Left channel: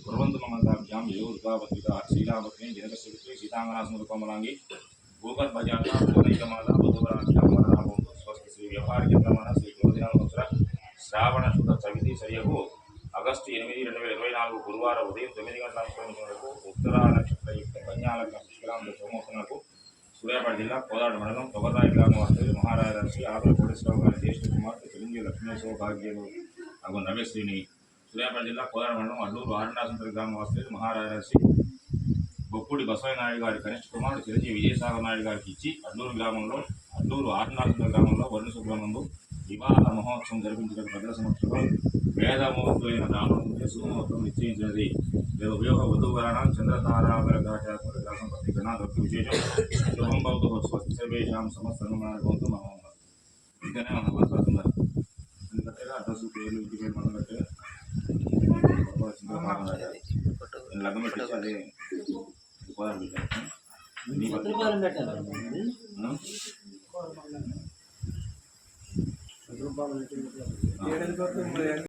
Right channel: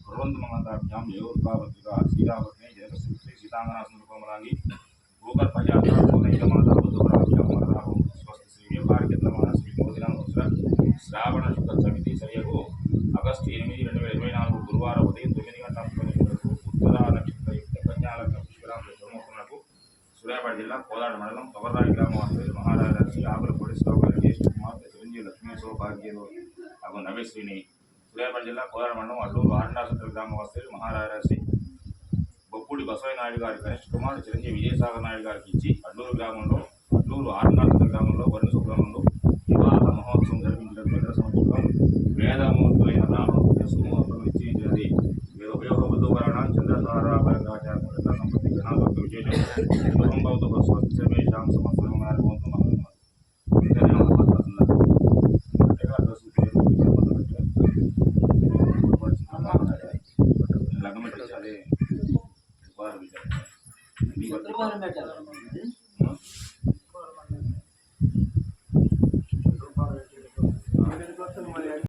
कुर्वन्तु ममताभ्यां योद्भावत्विका श्रीरामपत्नी जनकस्य सीतांगनासनकोमलांगी भूगर्भजाता भुवनैकमाता बुधवराभ्यां वरदाभं स्वस्ति श्री व्यवहारिकतमः श्री मोदिनामोत्सव శ్రావణ శుద్ధ చవితి సరియకు ఆగస్టు 8, 2024 గురువారం ఉదయం 9 గంటల 30 నిమిషాలకు ఉత్తర నక్షత్రయుక్త కన్యాలగ్న పుష్కరాంశ సోమోత్తములకు సూర్యాపేట జిల్లా కోదాడ మండలం తొగర్రాయి గ్రామ వాస్తవ్యులు మహారాజర్షి ఆవుల కోటేశ్వరరావు గారి జ్యేష్ఠ కుమార్తె చిరంజీవి లక్ష్మీ సౌభాగ్యులు అగు నవేశ్రీని సూర్యాపేట జిల్లా కోదాడ మండలం అడ్డూరు ఆరణాసంతర గ్రామ వాస్తవ్యులు మహారాజర్షి బొప్పుడి బసవయ్య నాయుడు గారి కనిష్ట కుమారుడు చిరంజీవి విజయసాగర్ నాయుడు గారికి ఇచ్చి అడ్డూరు ఆరణాసంతర గ్రామంలో వరుణ శుక్రమందు వివాహ మహోత్సవం జరిపించడం భద్ర సంవత్సరం వేదమూర్తులైన రామను చేసుకున్నప్పుడు నిశ్చయించినది ఉపయోగ వధువరణ చంద్రతారాచార సంపత్తి గణాదొక్క విశేషం శుభం భవతు స్వస్తి సర్వేషాం సమస్తం భవతు అడ్రస్ పేరు లగ్నం పెట్టేసి అదే పెట్టాలి